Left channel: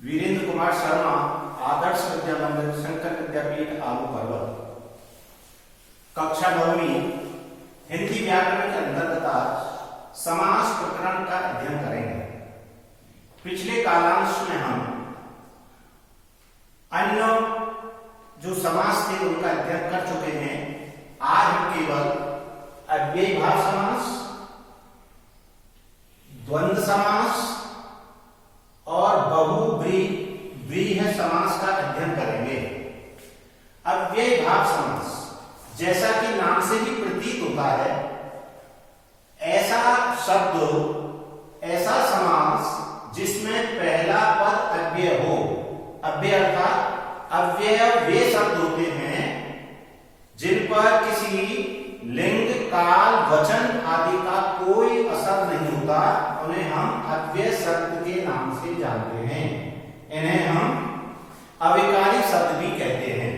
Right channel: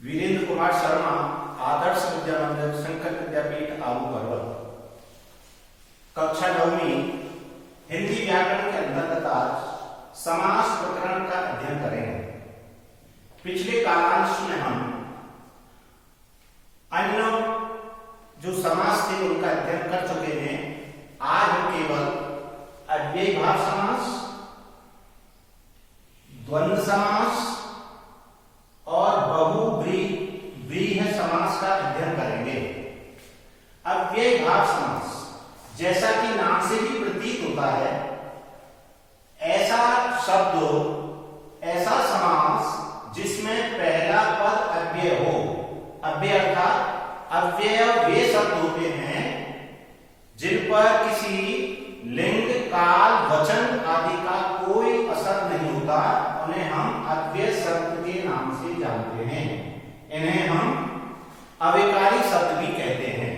वीरेंद्र कुमार शर्मा, आदर्श विद्या मंदिर, शंकर विद्यापीठ, आलू पर्वत। कक्षा 9वीं हिंदी व्याकरण के अंतर्गत आज समास प्रकरण का अध्ययन करेंगे। पिछले कालांश में हम अन्य जो समास थे उनका अध्ययन कर चुके हैं। आज हम केवल अव्ययीभाव समास, द्वंद्व समास और बहुव्रीहि समास का अध्ययन करेंगे। अव्ययीभाव समास जैसा कि नाम से ही प्रतीत होता है, ऐसा शब्द, ऐसा समास जिसमें पहला पद अव्यय हो। अव्यय अर्थात अव्यय वे शब्द होते हैं जिन पर किसी लिंग, काल, वचन आदि का कोई असर नहीं होता। उन्हें हम अव्यय शब्द के नाम से जानते हैं। इन्हें हम अविकारी शब्द भी कहते हैं।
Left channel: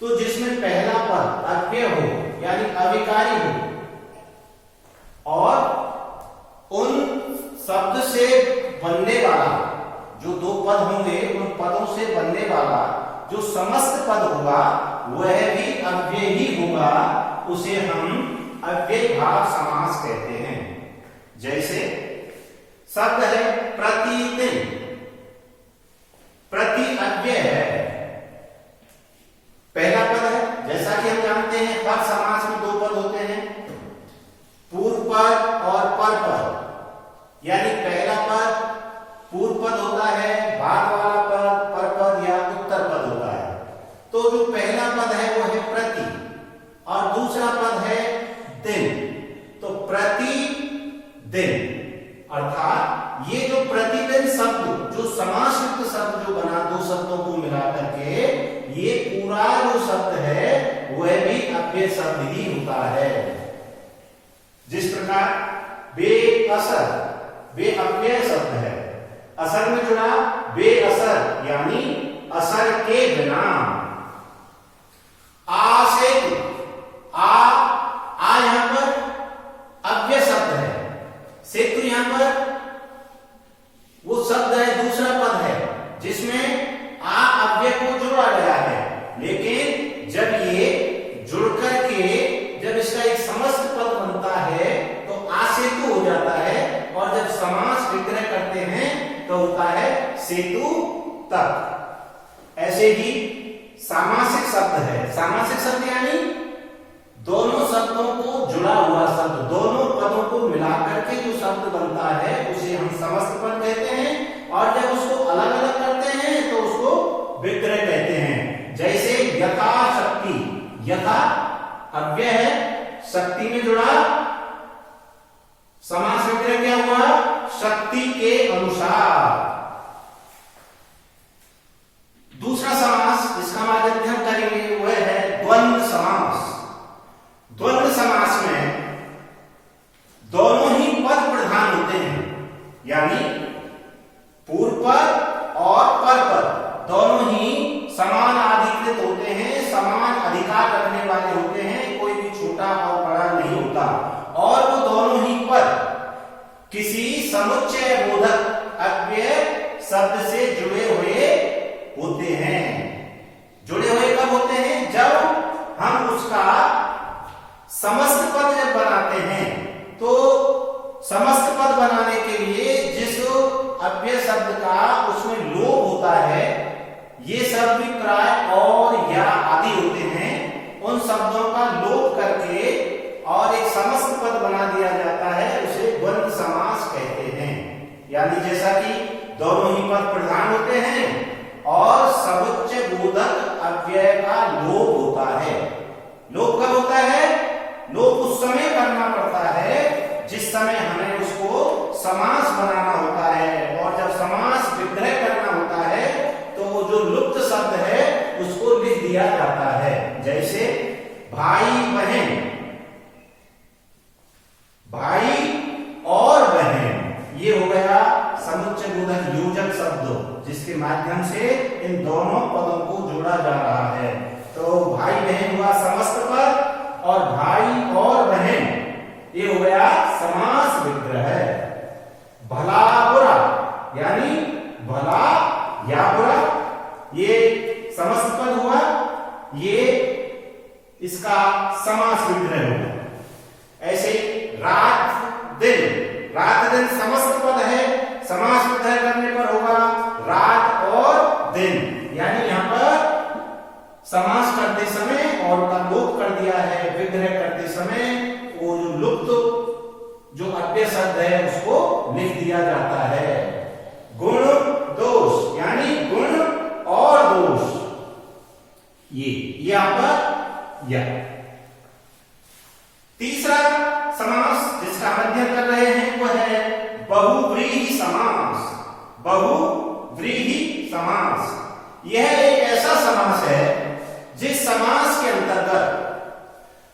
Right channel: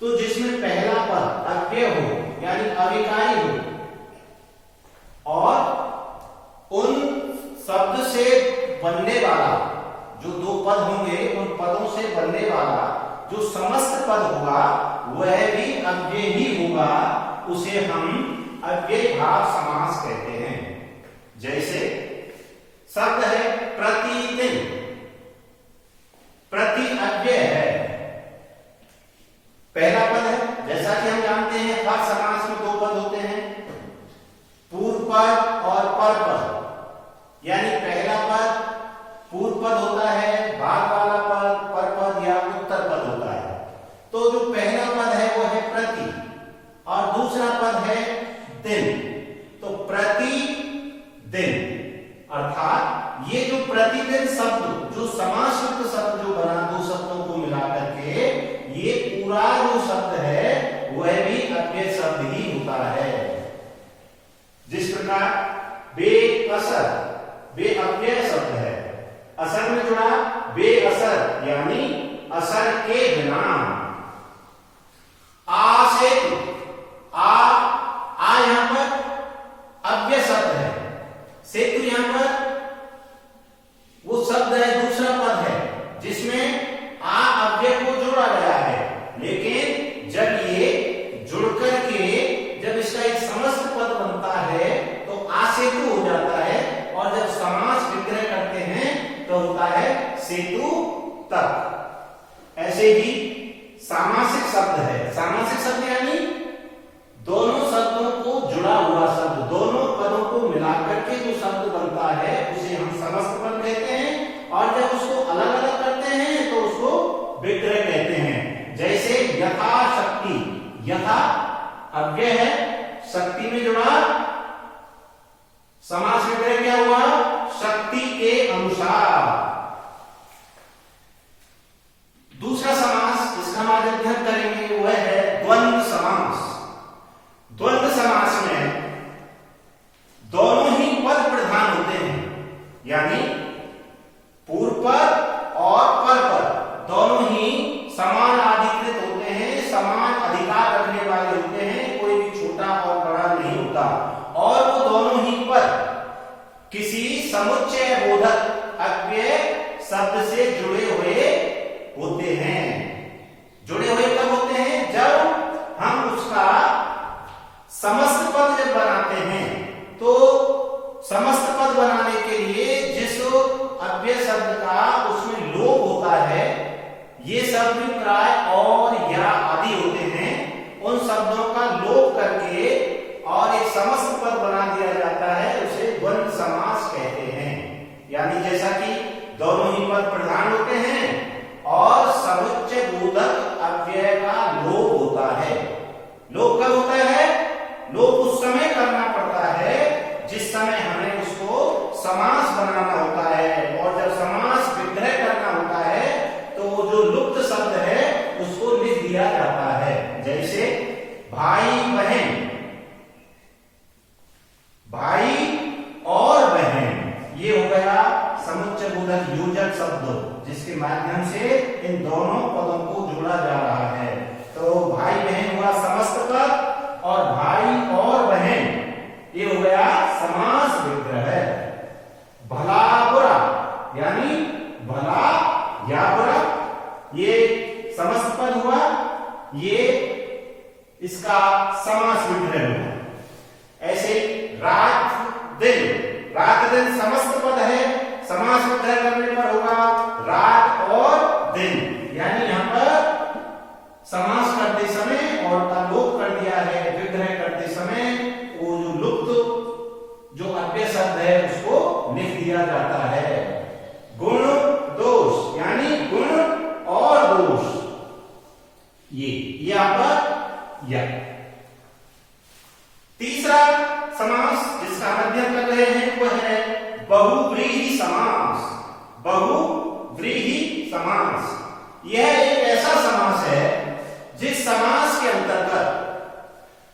तो जिसमें पहला पद अव्यय हो यानी अविकारी हो और उन शब्द से बनने वाला जो दो पद होंगे, उन पदों से बनने वाला जो समस्त पद होगा वह भी अव्यय ही होगा, उसे हम अव्ययीभाव समास कहते हैं। जैसे शब्द है प्रतिदिन, प्रति अव्यय है, पहला पद है। जैसा कि हम जानते हैं हर समास में दो पद होते हैं, पूर्व पद और पर पद। यानी पहला पद पूर्व पद होता है, बाद वाला पद पर पद या उत्तर पद होता है। तो जो पहला पद है वो है प्रति और दूसरा पद है दिन। तो प्रति दिन अर्थात ये जो प्रतिदिन शब्द, जो समास युक्त शब्द जो बना दो शब्दों को मिलाकर के, ये पूरा जो शब्द है वह भी अव्यय शब्द ही होता है। जिस प्रकार बेअसर, बे अव्यय शब्द है, असर में जुड़ा बेअसर यानी असर के बिना। आसेतु, आ यहां पर अव्यय शब्द है, सेतु यहां पर वो शब्द है, दूसरा पद है जिसमें आ अव्यय को जोड़ा गया है। लेकिन जब ये जुड़कर के जब इसका एक समस्त पद बनता है तो आ सेतु हो जाता है, और जब समास विग्रह करते हैं तो होता है सेतु तक। ऐसे ही सामासिक शब्द है। सामासिक शब्द यानी दोनों शब्दों को जुड़ा हुआ शब्द, दोनों पदों को मिलाकर के जो शब्द बनता है उसे हम समस्त पद कहते हैं, और जब उसको अलग अलग करते हैं तो उसको विग्रह कहते हैं। जैसे यथाशक्ति, यथा अव्यय है, शक्ति में जुड़ा, समास विग्रह क्या हुआ? शक्ति के अनुसार। दूसरा समास जिसका हम आज अध्ययन करेंगे वह है द्वंद्व समास। द्वंद्व समास में दोनों ही पद प्रधान होते हैं, यानी पूर्व पद और पर पद दोनों ही समान अधिकृत होते हैं, समान अधिकार रखने वाले होते हैं, कोई भी छोटा और बड़ा नहीं होता। और वो दोनों ही पद किसी समुच्चय बोधक अव्यय शब्द से जुड़े हुए होते हैं। जुड़े हुए कब होते हैं? जब हम उसका समस्त पद जब बनाते हैं, तो समस्त पद बनाने के लिए जिस अव्यय शब्द का उसमें लोप होता है, ये शब्द भी प्राय और या आदि होते हैं, उन शब्दों का लोप करके और एक समस्त पद बना दिया जाता है, उसे द्वंद्व समास कहते हैं। यानी जैसा कि दोनों ही पद प्रधान होते हैं और समुच्चय बोधक अव्यय का लोप होता है। लोप कब होता है? लोप उस समय करना पड़ता है जिस समय हमें उसको समास बनाना होता है, और जब समास विग्रह करना होता है तो जो लुप्त शब्द है उसको लिख दिया जाता है। जैसे भाई बहन, भाई और बहन, ये हो गया समुच्चय बोधक योजक शब्द जिसके माध्यम से इन दोनों पदों को जोड़ा जा रहा है। तो भाई बहन हुआ समस्त पद और भाई और बहन ये हो गया समास विग्रह। भला बुरा, यानी भला या बुरा, ये समस्त पद हुआ, ये इसका समास विग्रह होगा। ऐसे रात दिन समस्त पद है, समास विग्रह करने पर होगा रात और दिन। यानी यहां पर समास करते समय और का लोप कर दिया है, विग्रह करते समय वो जो लुप्त जो अव्यय शब्द है उसको लिख दिया जाता है। गुण दोष यानी गुण और दोष, ये आपका या। तीसरा समास जिसका मध्यम कर रहे हैं वो है बहुव्रीहि समास। बहुव्रीहि समास यह एक ऐसा समास है जिस समास के अंतर्गत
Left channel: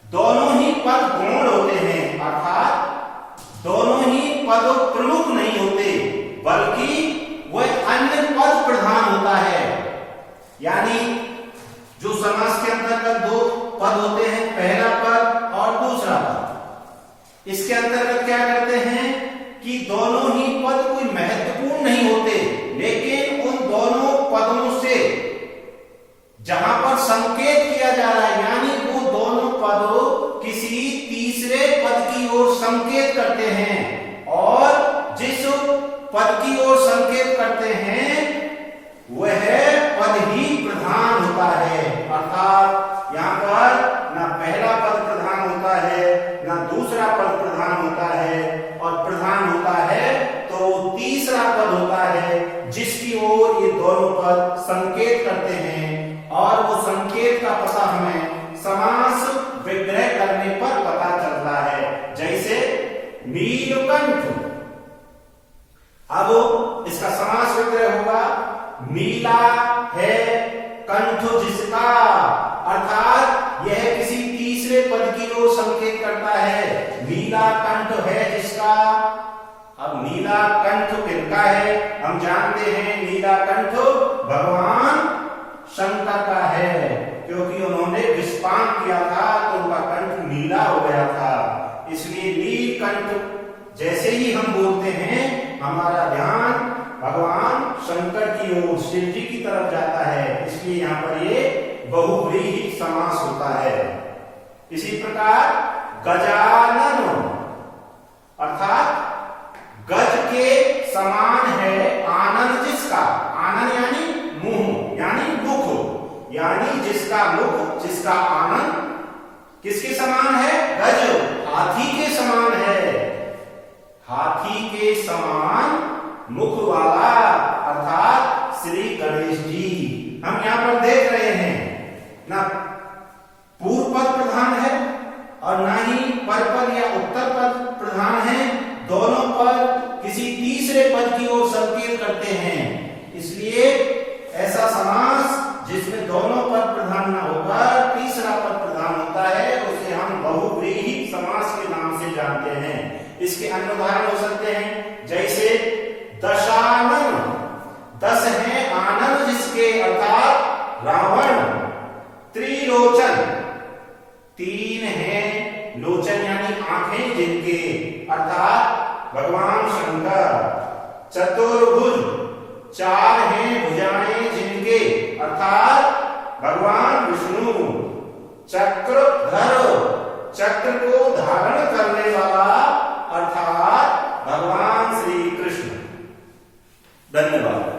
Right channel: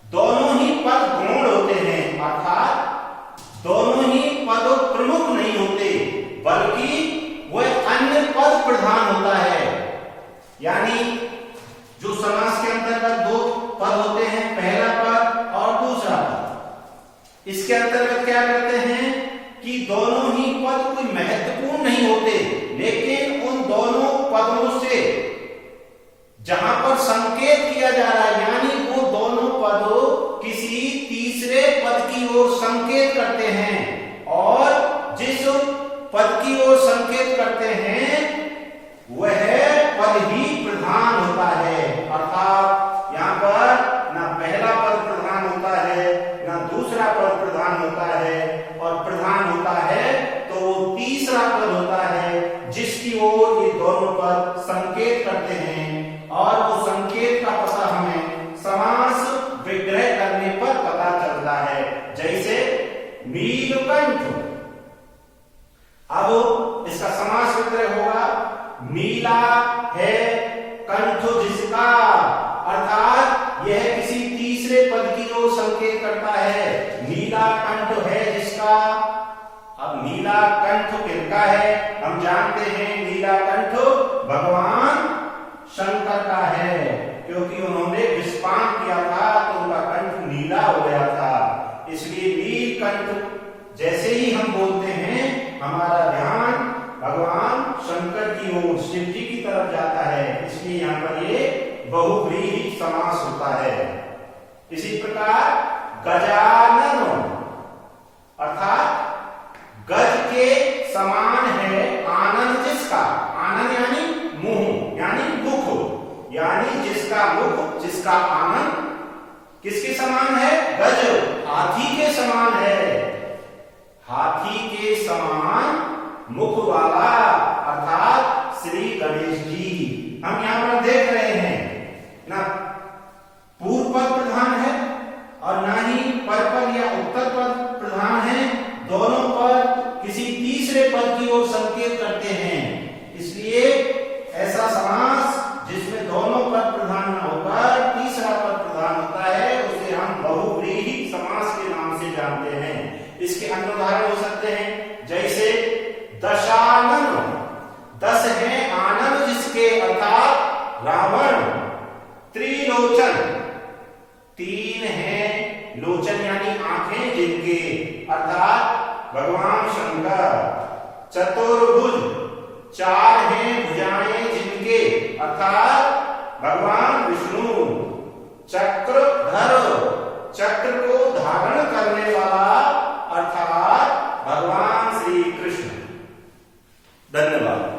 दोनों ही पद गौण होते हैं, अर्थात दोनों ही पद प्रमुख नहीं होते बल्कि वह अन्य पद प्रधान होता है। यानी जो समास के अंतर्गत दो पद होते हैं, पहला पद और दूसरा पद, इसके अंतर्गत क्या करते हैं कि दोनों ही पद कोई महत्वपूर्ण नहीं होते, लेकिन उन दोनों पदों से जहां पर संकेत किया जा रहा है, यानी वो दोनों पद किसी तीसरे पद की ओर संकेत करते हैं, और जिस पद की ओर संकेत करते हैं वह पद ही प्रधान होता है। अर्थात यहां पर ना पहला पद प्रधान होता है ना दूसरा पद प्रधान होता है, और प्रधान होता है तो तीसरा पद होता है जिसकी ओर ये दोनों पद संकेत करते हैं, और वो संकेत का पता हमें समास विग्रह करने पर पता चलता है। जैसे नीलकंठ, अब इसका समास विग्रह होगा नीला है कंठ जिसका, अर्थात यह किसी तीसरे पद की ओर संकेत करता है। नीला कंठ है जिसका, अब नीला कंठ किसका है? हम जानते हैं नीला कंठ भगवान शंकर का है, क्योंकि उन्होंने विषपान किया था तो उनका कंठ नीला हो गया था। इसलिए नीलकंठ जैसे ही हम बोलते हैं हमारा ध्यान भगवान शंकर की ओर, शिव जी की तरफ जाता है, इसलिए यहां पर ये बहुव्रीहि समास होता है। इसी प्रकार गजानन, अर्थात गज के समान है आनन जिसका, आनन यानी मुंह यानी मुख, यानी जिसका मुख, जिसका आनन किसके समान है? गज, हाथी के समान है। हाथी के समान मुख वाला अर्थात श्री गणेश जी। हम यहां पर देख रहे हैं ना पूर्व पद प्रधान है और ना ही परपद या उत्तर पद प्रधान है, दोनों पद किसी तीसरे पद की ओर संकेत करते हैं। इसलिए ऐसा समास जिसमें दोनों पद प्रधान न होकर तीसरा पद प्रधान होता है उसे हम बहुव्रीहि समास के नाम से जानते हैं। इसके अन्य उदाहरण हो सकते हैं, जैसे दशानन, दस है आनंद जिसके अर्थात रावण। त्रिलोचन, तीन है लोचन यानी आंखें जिनके, अर्थात भगवान शंकर। चतुर्भुज, चार हैं भुजाएं जिनके, अर्थात भगवान विष्णु। चक्रधर, चक्र को धारण करने वाला अर्थात भगवान श्री कृष्ण। धन्यवाद।